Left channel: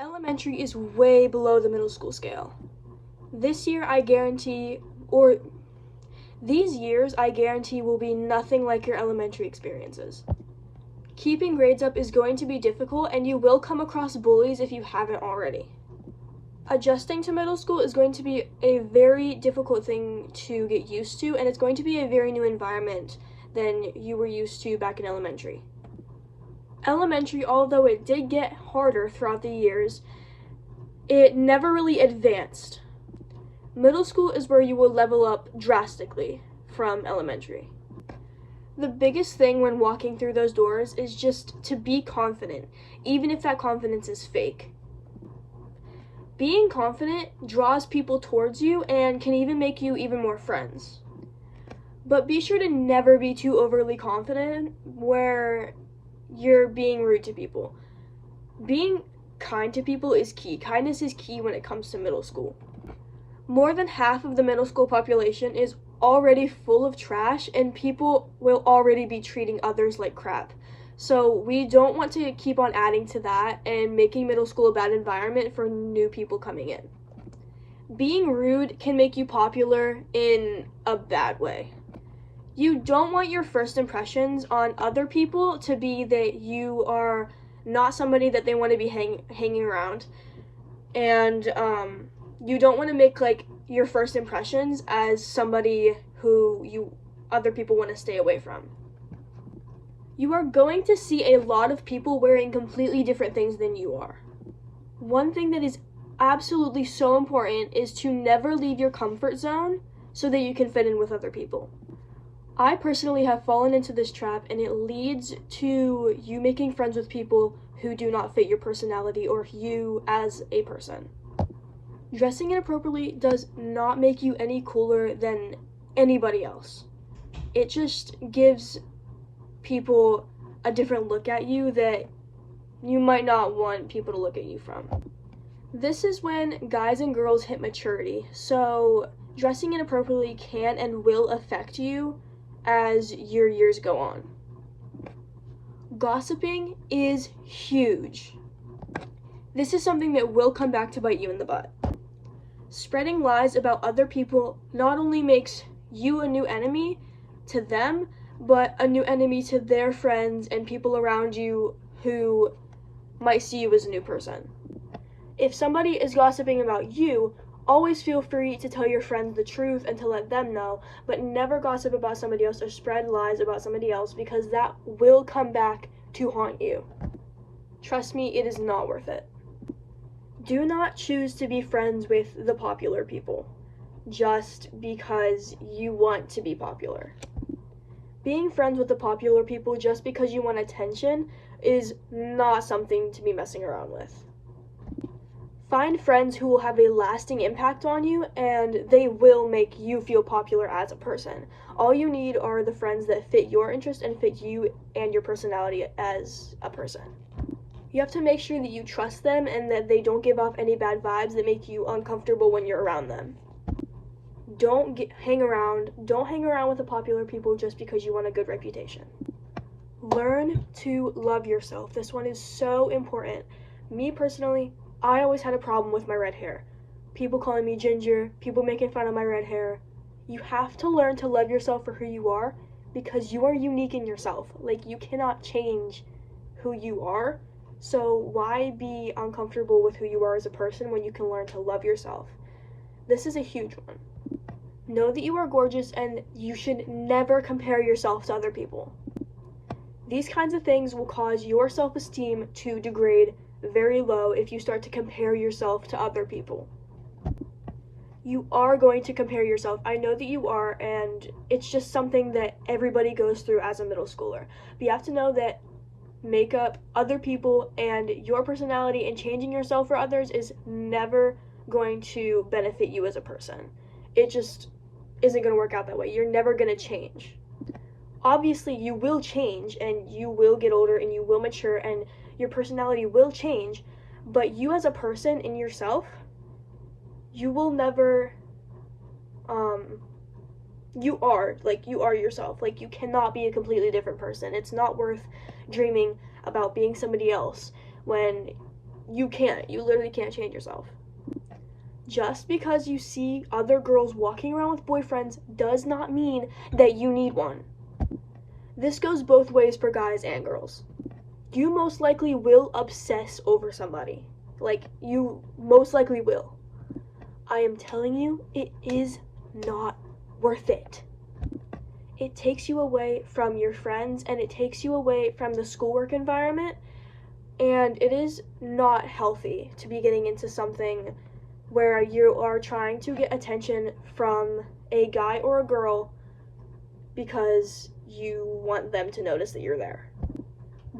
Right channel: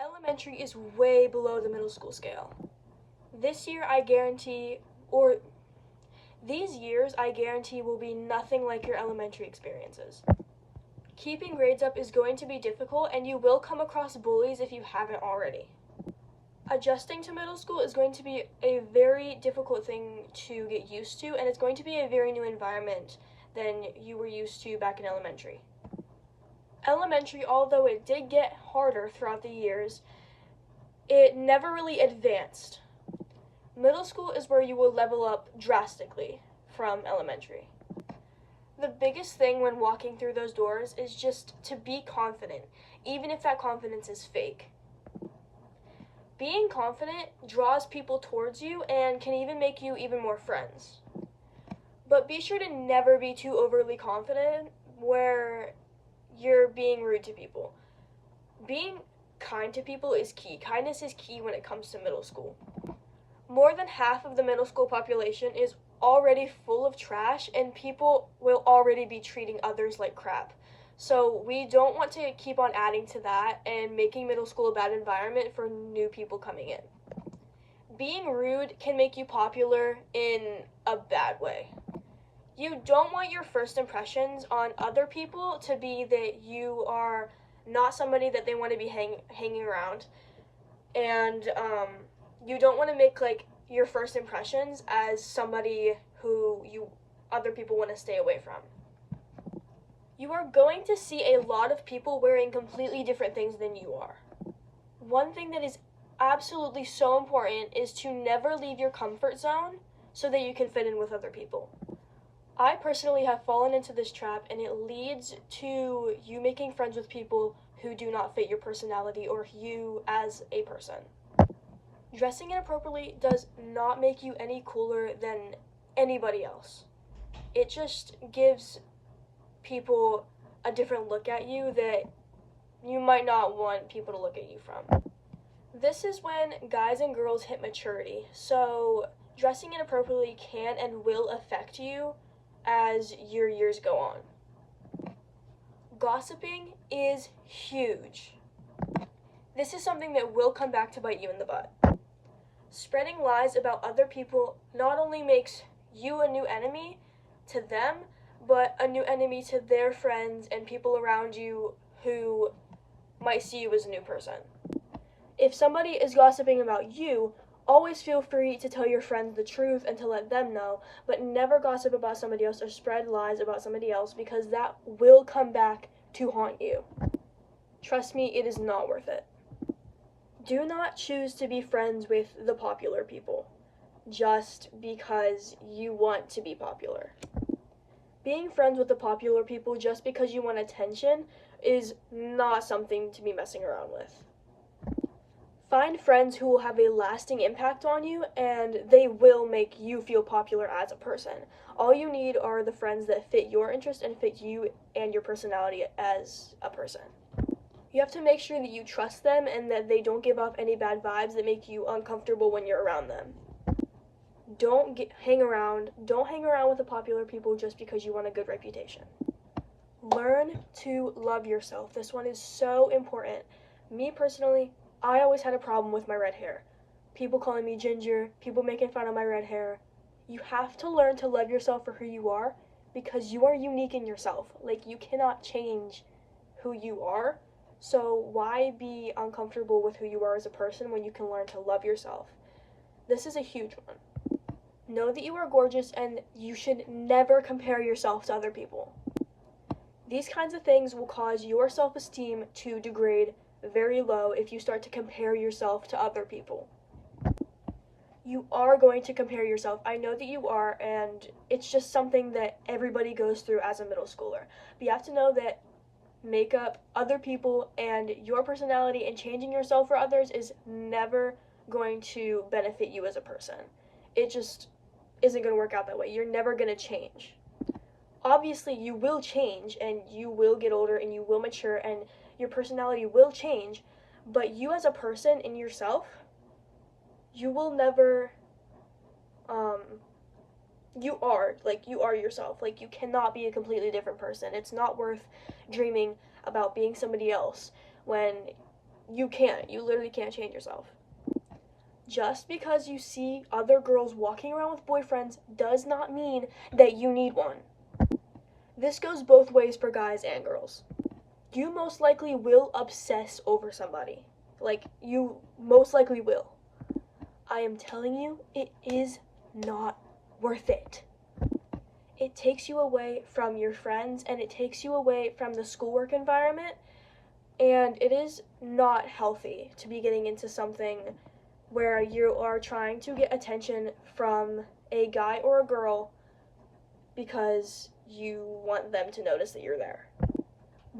Elementary is way below the middle school scale. This year, I guarantee, or these years, I guarantee, will be nothing like your elementary experiences. Keeping grades up is going to be difficult, and you will come across bullies if you haven't already. Adjusting to middle school is going to be a very difficult thing to get used to, and it's going to be a very new environment than you were used to back in elementary. Elementary, although it did get harder throughout the years, it never really advanced. Middle school is where you will level up drastically from elementary. The biggest thing when walking through those doors is just to be confident, even if that confidence is fake. Being confident draws people towards you and can even make you even more friends. But be sure to never be too overly confident where you're being rude to people. Being kind to people is key. Kindness is key when it comes to middle school. More than half of the middle school population is already full of trash, and people will already be treating others like crap. So we don't want to keep on adding to that and making middle school a bad environment for new people coming in. Being rude can make you popular in a bad way. You don't want your first impressions on other people to be that you are not somebody that they want to be hanging around, and you don't want to make like your first impressions as somebody who other people want to stay away from. You are going to see a lot of people wearing completely different things than you are. One thing that is absolutely so important is to never leave your comfort zone so that you can fit in with other people. I personally have fallen into this trap, and it leads to you making friends with people who do not fit your personality or you as a person. Dressing inappropriately does not make you any cooler than anybody else. It just gives people a different look at you that you might not want people to look at you from. This is when guys and girls hit maturity, so dressing inappropriately can and will affect you as your years go on. Gossiping is huge. This is something that will come back to bite you in the butt. Spreading lies about other people not only makes you a new enemy to them, but a new enemy to their friends and people around you who might see you as a new person. If somebody is gossiping about you, always feel free to tell your friends the truth and to let them know, but never gossip about somebody else or spread lies about somebody else, because that will come back to haunt you. Trust me, it is not worth it. Do not choose to be friends with the popular people just because you want to be popular. Being friends with the popular people just because you want attention is not something to be messing around with. Find friends who will have a lasting impact on you, and they will make you feel popular as a person. All you need are the friends that fit your interest and fit you and your personality as a person. You have to make sure that you trust them and that they don't give off any bad vibes that make you uncomfortable when you're around them. Don't hang around with the popular people just because you want a good reputation. Learn to love yourself. This one is so important. Me personally, I always had a problem with my red hair. People calling me ginger, people making fun of my red hair. You have to learn to love yourself for who you are, because you are unique in yourself. Like, you cannot change who you are. So why be uncomfortable with who you are as a person when you can learn to love yourself? This is a huge one. Know that you are gorgeous, and you should never compare yourself to other people. These kinds of things will cause your self-esteem to degrade very low if you start to compare yourself to other people. You are going to compare yourself. I know that you are, and it's just something that everybody goes through as a middle schooler. But you have to know that makeup, other people, and your personality and changing yourself for others is never going to benefit you as a person. It just isn't going to work out that way. You're never going to change. Obviously, you will change, and you will get older, and you will mature, and your personality will change, but you as a person in yourself, you will never, you are yourself. Like, you cannot be a completely different person. It's not worth dreaming about being somebody else when you can't. You literally can't change yourself. Just because you see other girls walking around with boyfriends does not mean that you need one. This goes both ways for guys and girls. You most likely will obsess over somebody. Like, you most likely will. I am telling you, it is not worth it. It takes you away from your friends, and it takes you away from the schoolwork environment, and it is not healthy to be getting into something where you are trying to get attention from a guy or a girl because you want them to notice that you're there.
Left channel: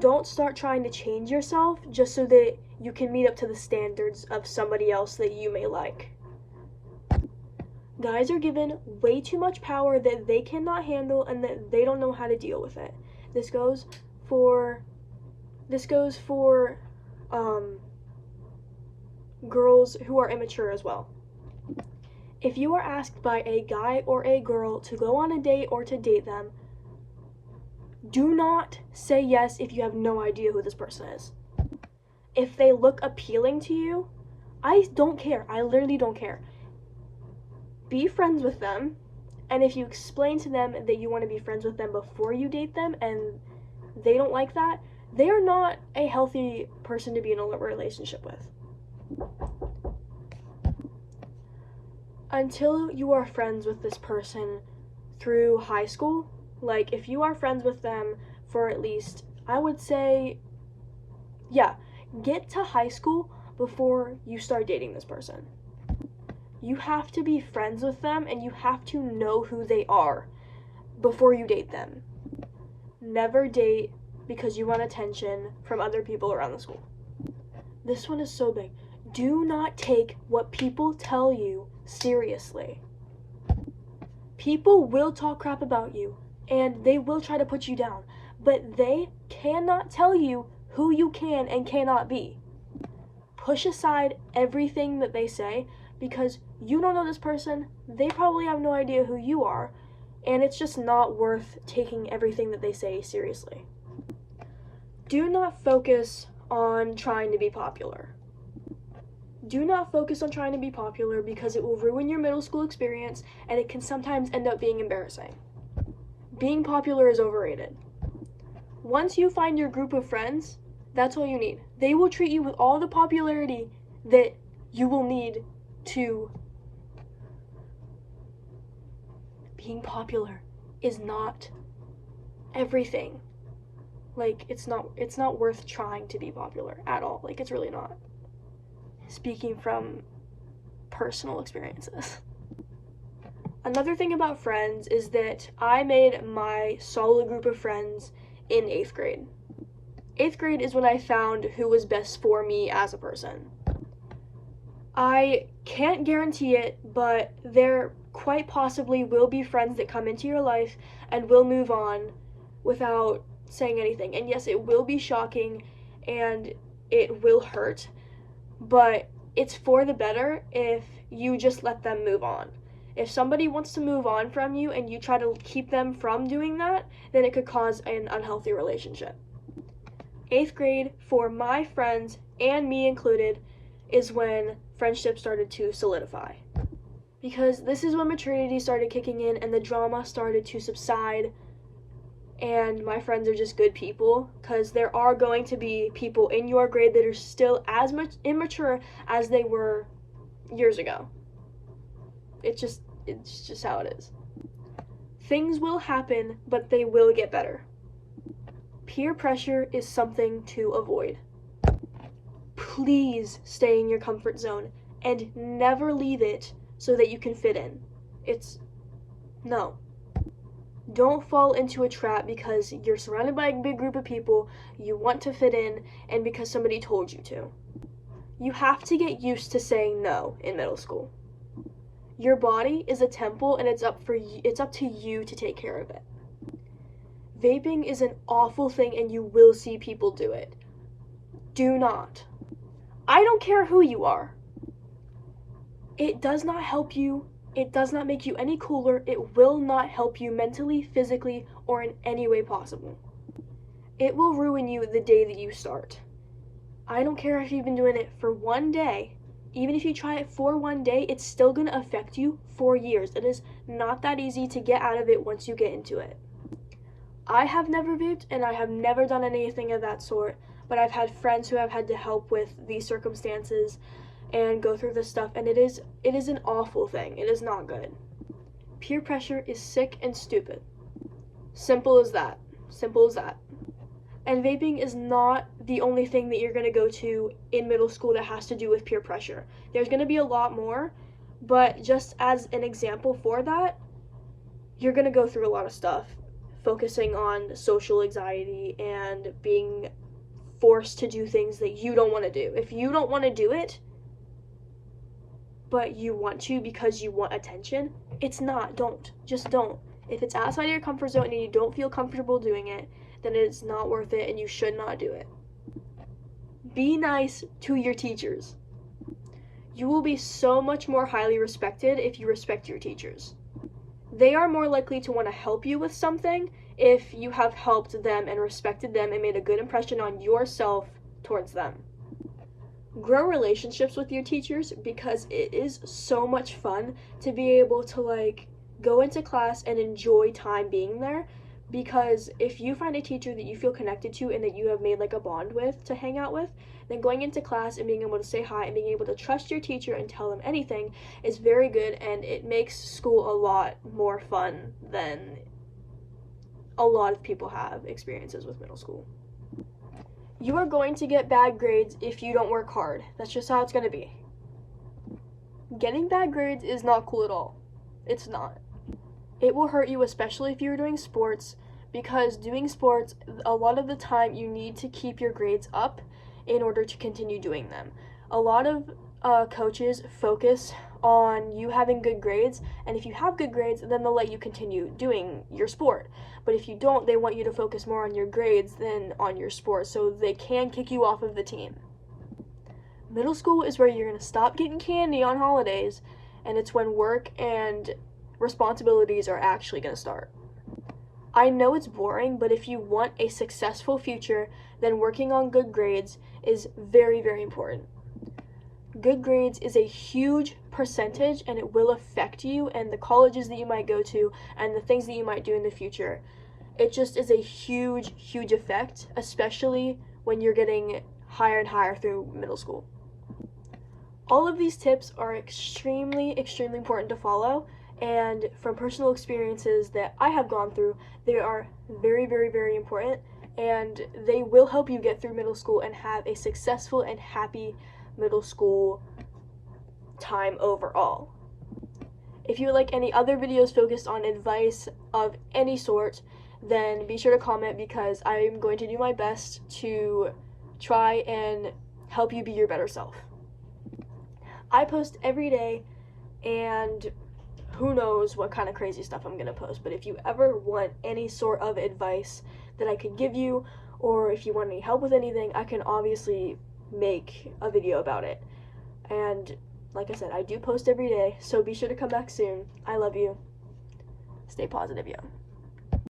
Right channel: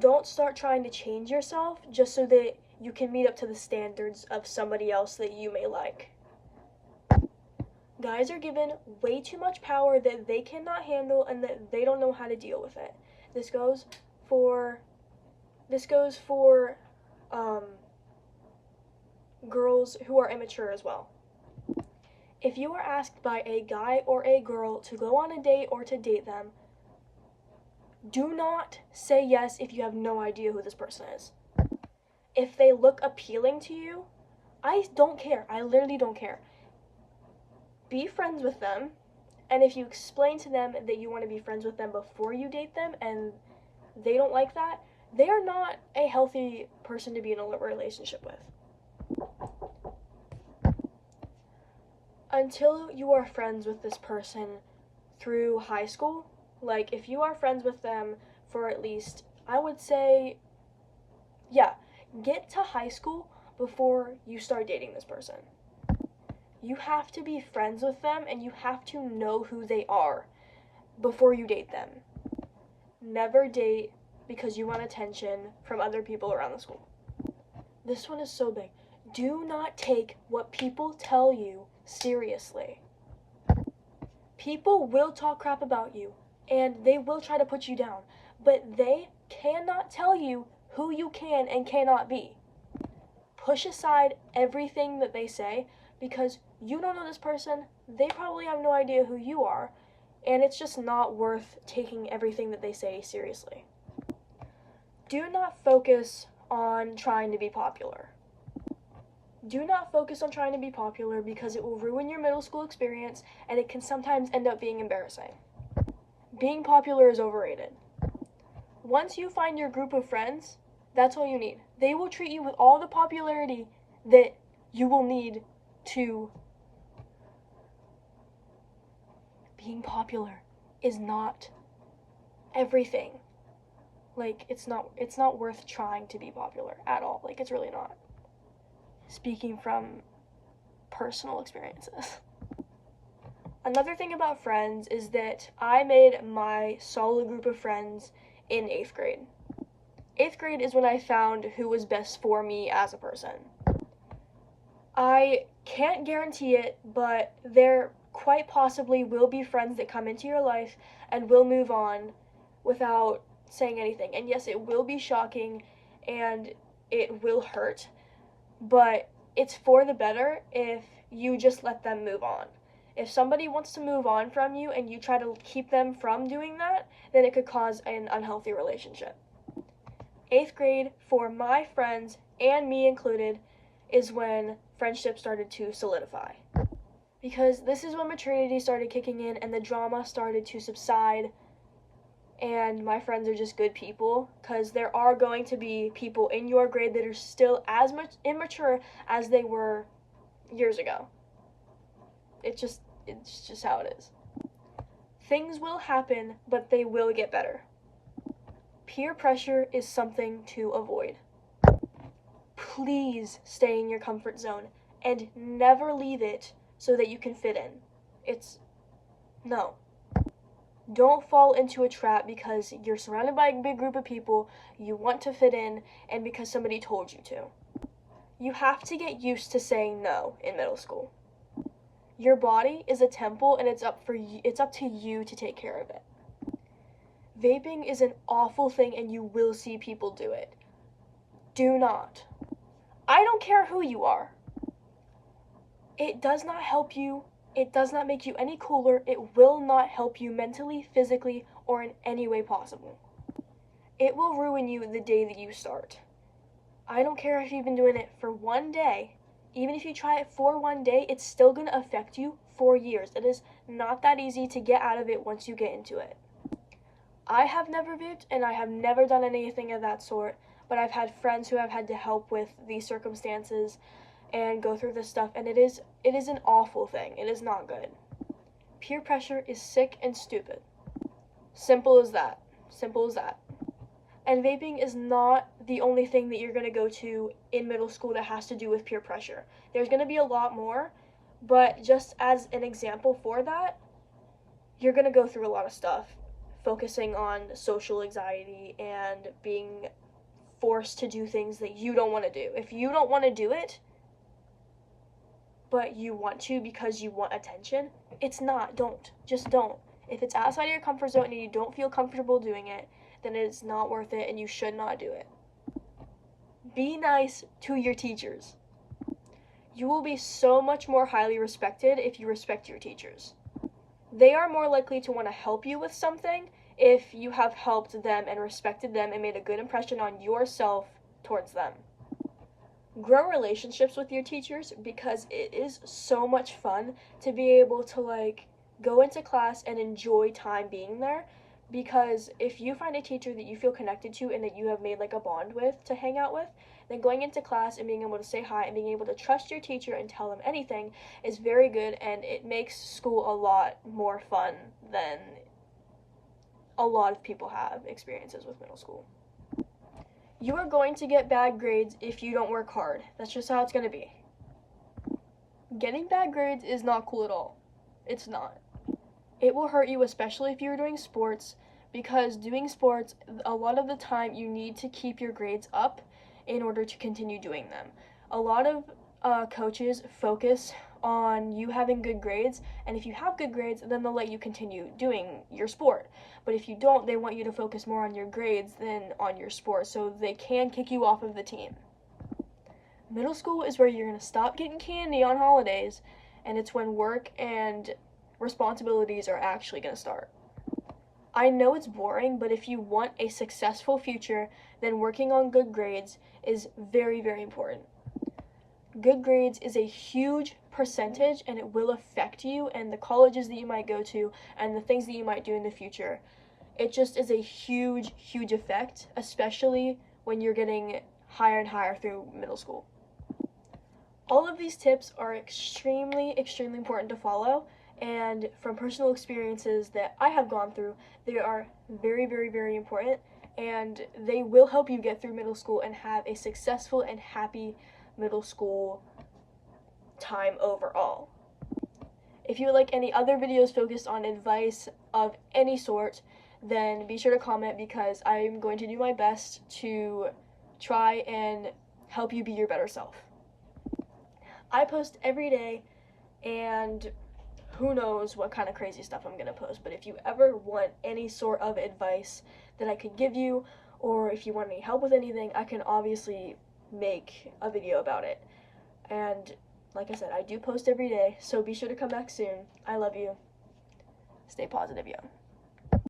Don't start trying to change yourself just so that you can meet up to the standards of somebody else that you may like. Guys are given way too much power that they cannot handle and that they don't know how to deal with it. This goes for girls who are immature as well. If you are asked by a guy or a girl to go on a date or to date them, do not say yes if you have no idea who this person is. If they look appealing to you, I don't care. I literally don't care. Be friends with them, and if you explain to them that you want to be friends with them before you date them and they don't like that, they are not a healthy person to be in a relationship with. Until you are friends with this person through high school, like if you are friends with them for at least, I would say, get to high school before you start dating this person. You have to be friends with them and you have to know who they are before you date them. Never date because you want attention from other people around the school. This one is so big. Do not take what people tell you seriously. People will talk crap about you and they will try to put you down, but they cannot tell you who you can and cannot be. Push aside everything that they say because you don't know this person, they probably have no idea who you are, and it's just not worth taking everything that they say seriously. Do not focus on trying to be popular. Do not focus on trying to be popular because it will ruin your middle school experience and it can sometimes end up being embarrassing. Being popular is overrated. Once you find your group of friends, that's all you need. They will treat you with all the popularity that you will need to. Being popular is not everything. Like, it's not worth trying to be popular at all. Like, it's really not. Speaking from personal experiences. Another thing about friends is that I made my solid group of friends in 8th grade. 8th grade is when I found who was best for me as a person. I can't guarantee it, but there quite possibly will be friends that come into your life and will move on without saying anything. And yes, it will be shocking and it will hurt, but it's for the better if you just let them move on. If somebody wants to move on from you and you try to keep them from doing that, then it could cause an unhealthy relationship. 8th grade, for my friends, and me included, is when friendship started to solidify. Because this is when maturity started kicking in and the drama started to subside, and my friends are just good people, because there are going to be people in your grade that are still as much immature as they were years ago. It's just how it is. Things will happen, but they will get better. Peer pressure is something to avoid. Please stay in your comfort zone and never leave it so that you can fit in. No. Don't fall into a trap because you're surrounded by a big group of people, you want to fit in, and because somebody told you to. You have to get used to saying no in middle school. Your body is a temple and it's up to you to take care of it. Vaping is an awful thing and you will see people do it. Do not. I don't care who you are. It does not help you. It does not make you any cooler. It will not help you mentally, physically, or in any way possible. It will ruin you the day that you start. I don't care if you've been doing it for one day. Even if you try it for one day, it's still going to affect you for years. It is not that easy to get out of it once you get into it. I have never vaped and I have never done anything of that sort, but I've had friends who have had to help with these circumstances and go through this stuff, and it is an awful thing. It is not good. Peer pressure is sick and stupid. Simple as that. Simple as that. And vaping is not the only thing that you're going to go to in middle school that has to do with peer pressure. There's going to be a lot more, but just as an example for that, you're going to go through a lot of stuff, focusing on social anxiety and being forced to do things that you don't want to do. If you don't want to do it, but you want to because you want attention, it's not. Don't. Just don't. If it's outside of your comfort zone and you don't feel comfortable doing it, then it's not worth it and you should not do it. Be nice to your teachers. You will be so much more highly respected if you respect your teachers. They are more likely to want to help you with something if you have helped them and respected them and made a good impression on yourself towards them. Grow relationships with your teachers because it is so much fun to be able to go into class and enjoy time being there. Because if you find a teacher that you feel connected to and that you have made a bond with to hang out with, then going into class and being able to say hi and being able to trust your teacher and tell them anything is very good, and it makes school a lot more fun than a lot of people have experiences with middle school. You are going to get bad grades if you don't work hard. That's just how it's going to be. Getting bad grades is not cool at all. It's not. It will hurt you, especially if you're doing sports, because doing sports, a lot of the time you need to keep your grades up in order to continue doing them. A lot of coaches focus on you having good grades, and if you have good grades, then they'll let you continue doing your sport. But if you don't, they want you to focus more on your grades than on your sport, so they can kick you off of the team. Middle school is where you're going to stop getting candy on holidays, and it's when work and responsibilities are actually going to start. I know it's boring, but if you want a successful future, then working on good grades is very, very important. Good grades is a huge percentage, and it will affect you and the colleges that you might go to and the things that you might do in the future. It just is a huge, huge effect, especially when you're getting higher and higher through middle school. All of these tips are extremely, extremely important to follow, and from personal experiences that I have gone through, they are very, very, very important, and they will help you get through middle school and have a successful and happy middle school time overall. If you would like any other videos focused on advice of any sort, then be sure to comment, because I'm going to do my best to try and help you be your better self. I post every day, and who knows what kind of crazy stuff I'm going to post, but if you ever want any sort of advice that I could give you, or if you want any help with anything, I can obviously make a video about it. And like I said, I do post every day, so be sure to come back soon. I love you. Stay positive, yo.